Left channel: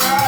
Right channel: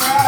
Bye.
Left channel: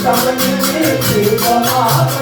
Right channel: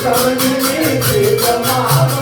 Come and meet you, come on.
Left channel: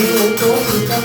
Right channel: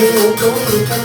దేవతో కృతం